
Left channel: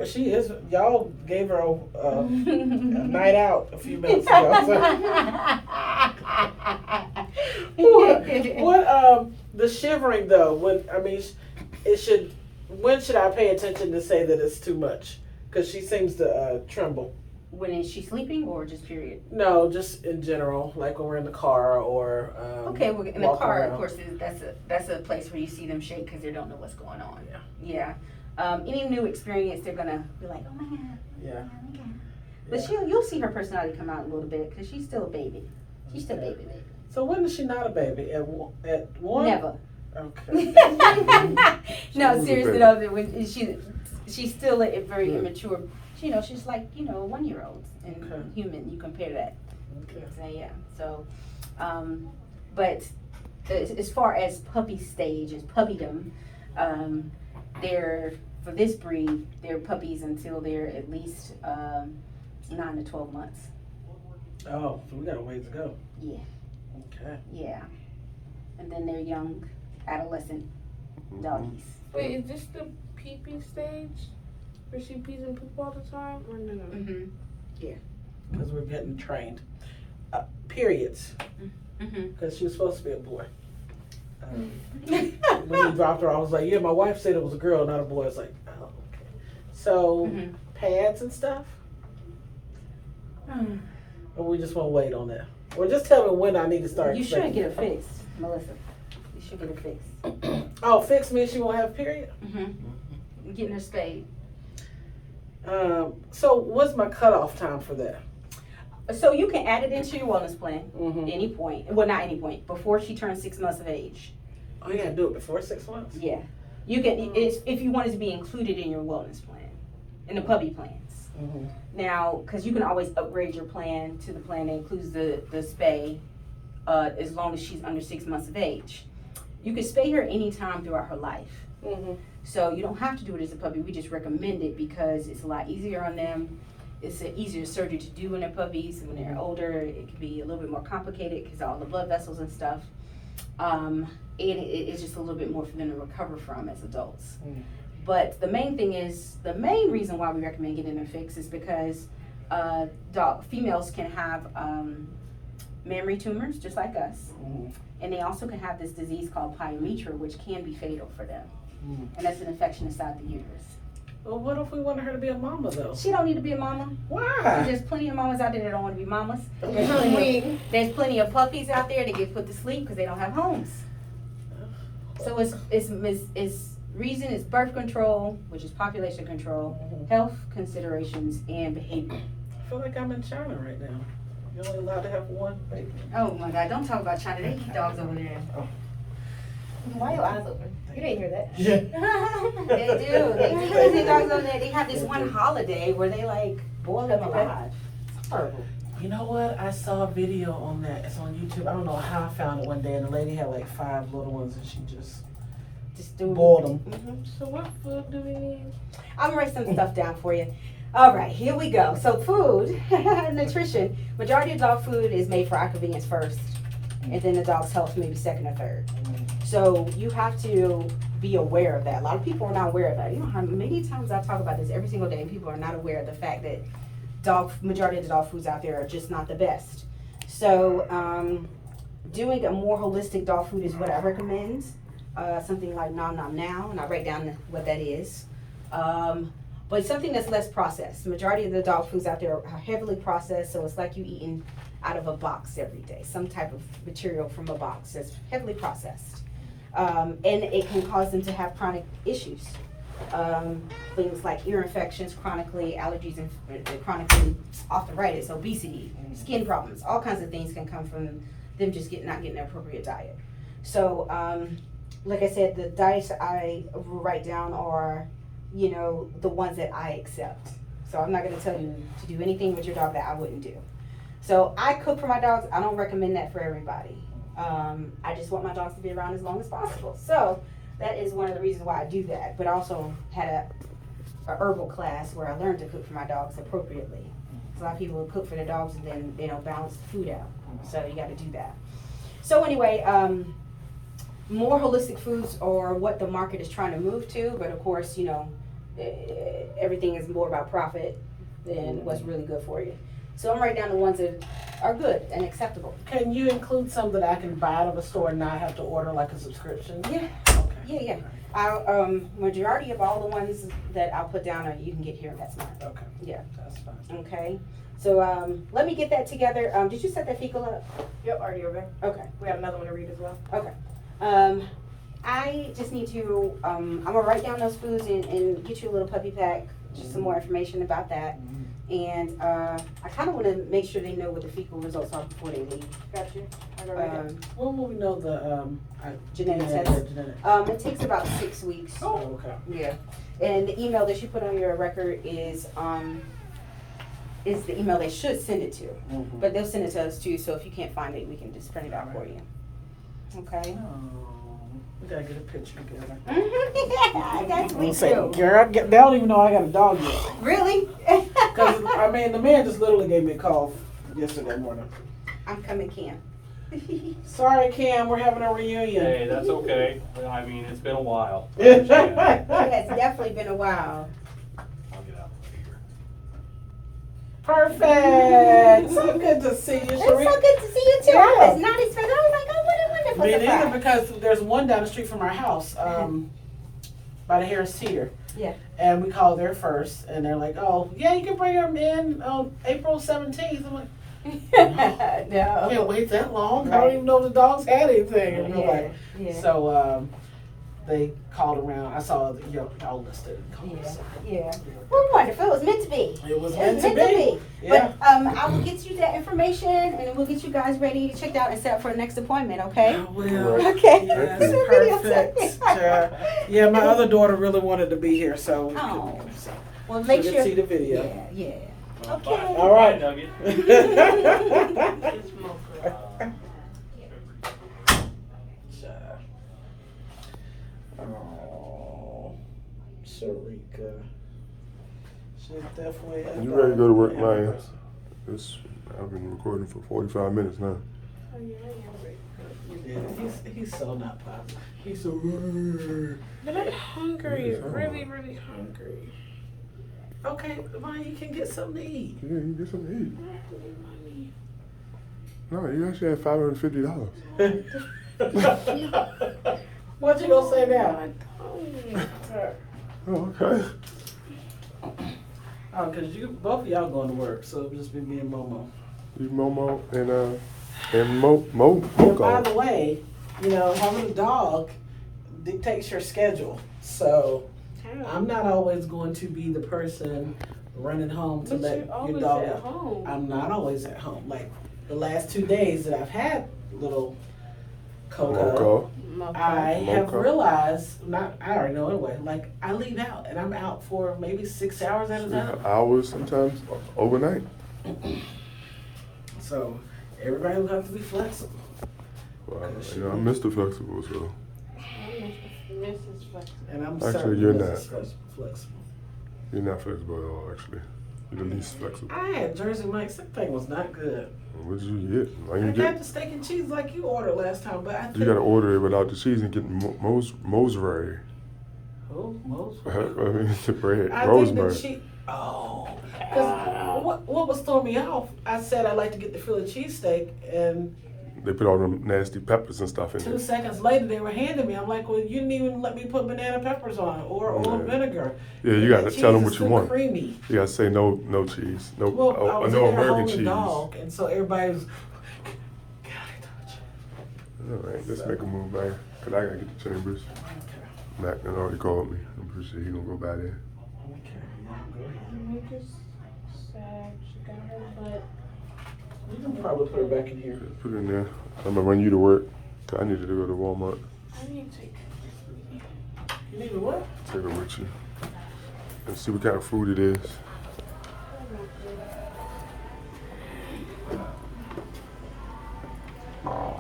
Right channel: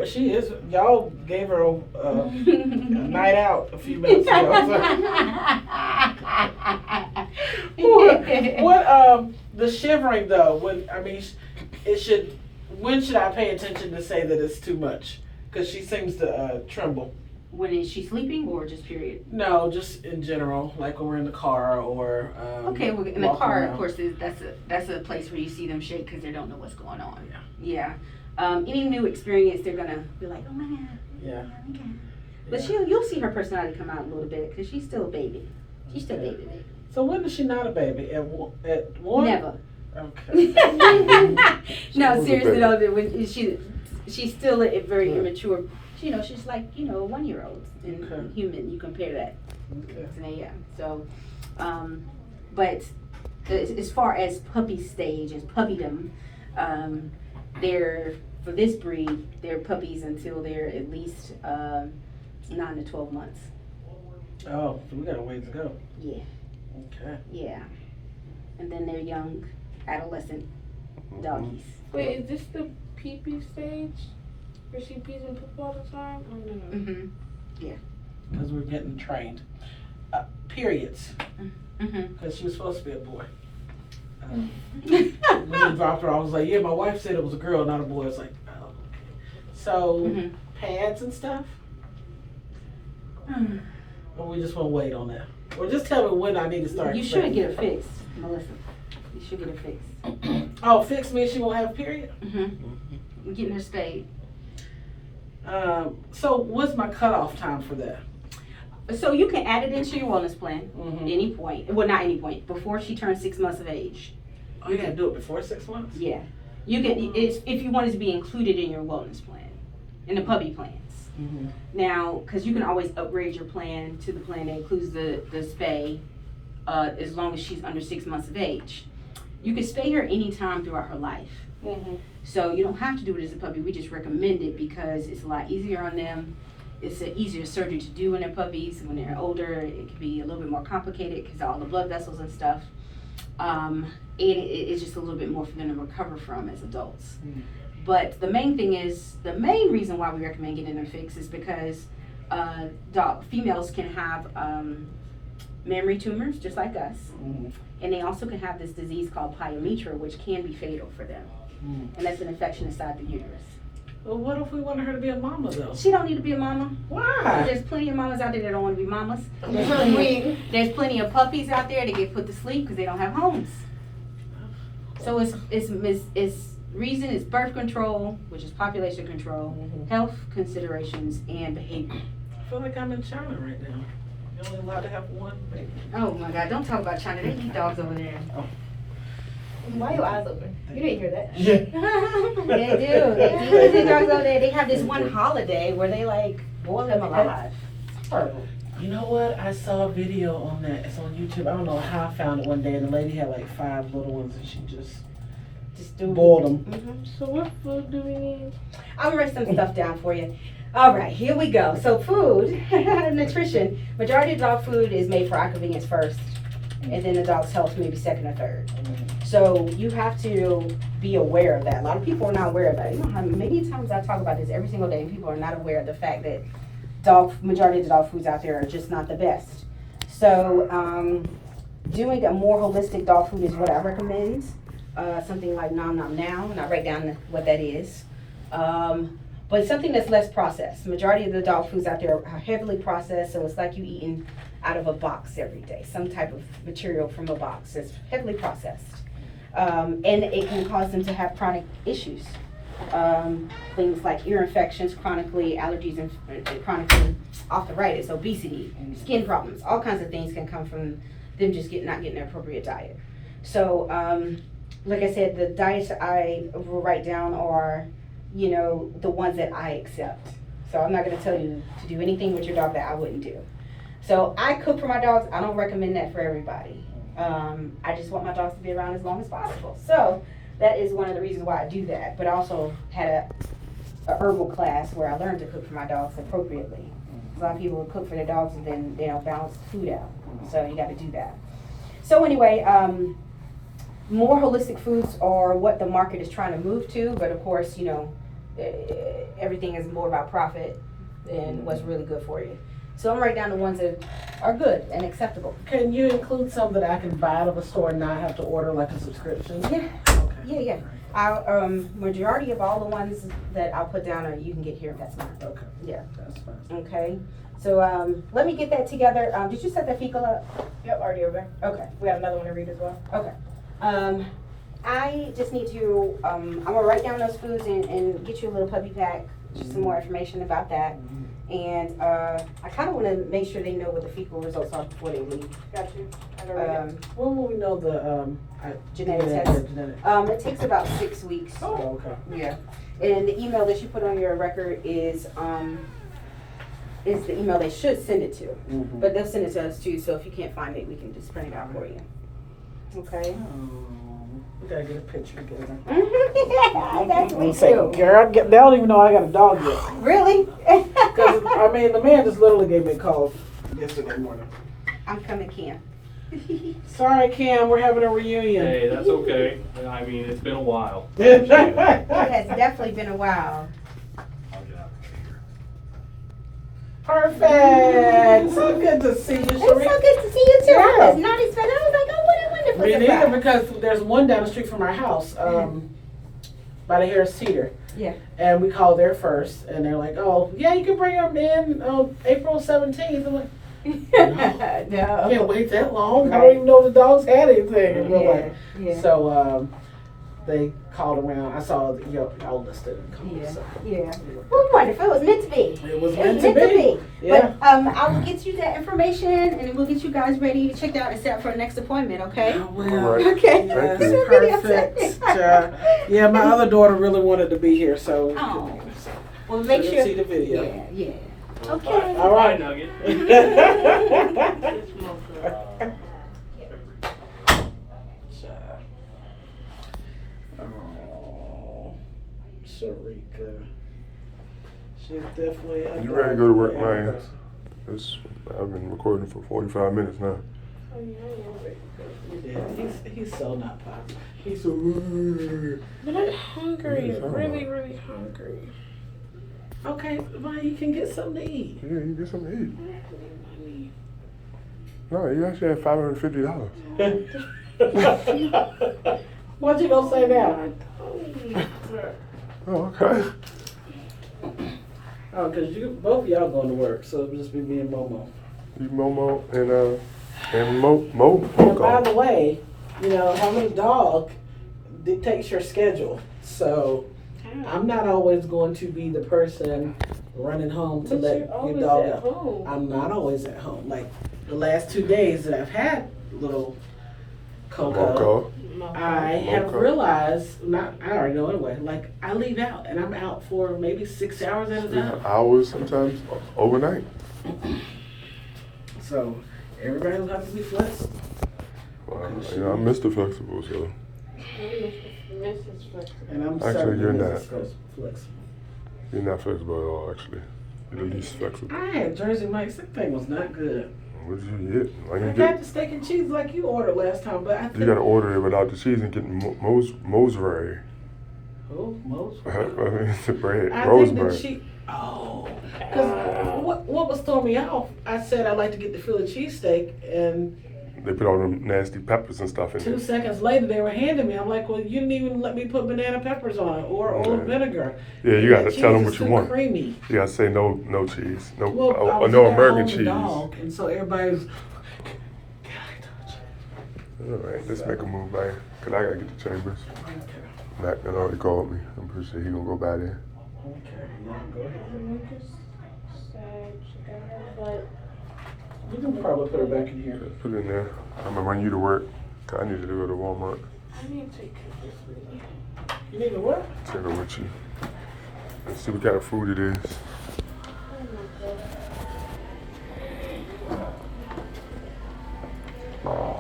she is, y'all gave her a night out a few minutes ago. What the shivering though, when should I pay attention to say that it's too much? Because she seems to tremble. When is she sleeping or just period? No, just in general, like when we're in the car or Okay, well, in the walking car, around. of course, that's a place where you see them shake because they don't know what's going on. Yeah. Any new experience, they're gonna be like, oh man. Yeah. But you'll see her personality come out a little bit because she's still a baby. She's still a baby. So when is she not a baby? At one? Never. Okay. No, was a seriously baby. though, she's still a very immature. She's like 1-year-olds in Okay. human. You compare that. Okay. So, yeah. So, but as far as puppy stage, as puppydom, they're for this breed, they're puppies until they're at least 9 to 12 months. Oh, so we got a ways to go. Yeah. Okay. Yeah. And then they're young adolescent doggies. Wait, is this the pee-pee stage? Where she pees and poop all the time? Or the... Mm-hmm. Because we're getting trained. Periods. Mm-hmm. Because she was supposed to be a boy. When he dropped her, I was like, yeah, my wife said it was a girl, not a boy. It's like, oh, okay. So, Mm-hmm. pads and stuff? Or we just want to wait on that? Or just tell me when I need to start. You should get it fixed, Melissa. You should get it fixed. Oh, fix me, she won't have a period? Mm-hmm. Getting her spayed. So what's my cutoff time for that? So you can add it into your wellness plan Mm-hmm. any point. Well, not any point. Before she turns 6 months of age. Oh, you gotta do it before 6 months? Yeah. You can, if you want it to be included in your wellness plan, in the puppy plans. Mm-hmm. Now, because you can always upgrade your plan to the plan that includes the spay, as long as she's under 6 months of age. You can spay her anytime throughout her life. Mm-hmm. So you don't have to do it as a puppy. We just recommend it because it's a lot easier on them. It's an easier surgery to do when they're puppies. When they're older, it can be a little bit more complicated because all the blood vessels and stuff. It's just a little bit more for them to recover from as adults. Mm. But the main reason why we recommend getting them fixed is because females can have memory tumors, just like us. Mhm. And they also can have this disease called pyometra, which can be fatal for them. Mhm. And that's an infection inside the uterus. Well, what if we wanted her to be a mama though? She don't need to be a mama. Why? There's plenty of mamas out there that don't want to be mamas. Queen. There's plenty of puppies out there that get put to sleep because they don't have homes. So it's reason is birth control, which is population control, health considerations, and behavior. I feel like I'm in China right now. You're only allowed to have one baby. Oh my God! Don't talk about China. They eat dogs over there. Why are your eyes open? You didn't hear that. They do. They eat dogs over there. They have this one holiday where they like boil them alive. It's horrible. You know what? I saw a video on that. It's on YouTube. I don't know how I found it one day, and the lady had like 5 little ones, and she just boiled them. So what food do we need? I'm gonna write some stuff down for you. All right, here we go. So food, nutrition. Majority of dog food is made for our convenience first, and then the dog's health maybe second or third. So you have to be aware of that. A lot of people are not aware of that. You know how many times I talk about this every single day, and people are not aware of the fact that majority of the dog foods out there are just not the best. So doing a more holistic dog food is what I recommend. Something like Nom Nom Now, and I write down what that is. But something that's less processed. Majority of the dog foods out there are heavily processed, so it's like you eating out of a box every day. Some type of material from a box that's heavily processed. And it can cause them to have chronic issues. Things like ear infections, chronically allergies, and chronically arthritis, obesity, skin problems. All kinds of things can come from them just not getting an appropriate diet. So, like I said, the diets I will write down are, you know, the ones that I accept. So I'm not going to tell you to do anything with your dog that I wouldn't do. So I cook for my dogs. I don't recommend that for everybody. I just want my dogs to be around as long as possible. So that is one of the reasons why I do that. But I also had a herbal class where I learned to cook for my dogs appropriately. A lot of people will cook for their dogs and then they don't balance the food out. So you got to do that. So anyway, more holistic foods are what the market is trying to move to. But of course, you know, everything is more about profit than what's really good for you. So I'm writing down the ones that are good and acceptable. Can you include some that I can buy out of a store and not have to order like a subscription? Yeah. Okay. Yeah. Majority of all the ones that I'll put down you can get here in PetSmart. Okay. Yeah. That's fine. Okay. So let me get that together. Did you set that fecal up? Yep, already over there. Okay. We got another one to read as well. Okay. I just need to, I'm gonna write down those foods and get you a little puppy pack, just some more information about that. And I kind of want to make sure they know what the fecal results are before they leave. Got you. I already When will we know the Genetic yeah, test. the genetic? It takes about 6 weeks. Oh, okay. Yeah. And the email that you put on your record is the email they should send it to. Mm-hmm. But they'll send it to us too, so if you can't find it, we can just print it out for you. Okay? We gotta get a picture together. That's I'm we saying, do. girl, they don't even know I got a dog yet. Really? Because, I mean, the man just literally gave me a call yesterday morning. I'm coming, Cam. Sorry, Cam, we're having a reunion. Hey, that's okay. I mean, it's been a while. It has definitely been a while. I'll get out the paper. Perfect. So good to see you, It's so Sheree. good to see you too. Yeah. I was not expecting. I was like, oh, what a wonderful Me neither, surprise. because there's one down the street from our house, by the Harris Teeter. Yeah. And we called there first, and they're like, oh, yeah, you can bring them in on April 17th. I'm like, I No. can't wait that long. I don't even know if the dogs had anything in real life. Yeah. So they called around. I saw y'all listed and called. Yeah. So. Yeah. Well, wonderful. It was meant to be. It was It meant was to be. Yeah. But I will get you that information, and then we'll get you guys ready, checked out, and set up for the next appointment. Okay? I will. All right. Okay. Thank you. Perfect. Yeah, my other daughter really wanted to be here, so. Oh. so Well, make didn't sure. see the video. Yeah. Okay. All right. Bye, Nugget. Oh, Sharika. She's definitely. You ready to go to work, man? I've been recording for 45 minutes now. Yeah, he's so not popular. He's so. But I'm hungry, Yeah, it's really, all really hungry. Okay, well, you can get something to eat. Yeah, you get something to eat. No, you actually had $550. What you gonna say now? Oh, okay. Oh, cause both of y'all going to work, so it'll just be me and Momo. You Momo and Mo And by Moco. the way, you know, having a dog dictates your schedule. So I'm not always going to be the person running home to But let you're your always dog at out. home. I'm not always at home. Like the last 2 days that I've had little Coco, Moco. I have Moco. realized, I already know anyway, like I leave out and I'm out for maybe 6 hours at a time. Hours sometimes, overnight. So everybody will have to be flexible. Wow. You know, I'm Mr. Flexible, so Mrs. Flexible. And I'm Actually, certainly you're Mrs. not. Flexible. you're not flexible at all, actually. You're the least flexible. I had Jersey Mike's. That thing was not good. What did you get? Why I you got get? the steak and cheese like you ordered last time, but I think You gotta order it without the cheese and get Mosbury. Oh, most. The bread. I think Rosemary. the cheese. Oh, because what was throwing me off? I said I'd like to get the Philly cheesesteak, and They put all them nasty peppers and stuff in 2 it. seconds later they were handing me. I'm like, well, you didn't even let me put banana peppers on it or olive vinegar. Yeah, you That gotta cheese tell them is what you too want. Creamy. You gotta say no cheese, no Well, I no was there American holding the cheese. dog, and so everybody's. All right, let's make a move, man. Cause I gotta get to Chambers. Okay. Matt done already called me. I'm pretty sure he gonna go by there. Okay. Yeah, go ahead. We just say she got her butt. You can probably put her back in here. Put it in there. I'm gonna run you to work. 'Cause I need you to go to Walmart. I need to take this with me. You need to what? Take it with you. Let's see what kind of food it is. Oh my God.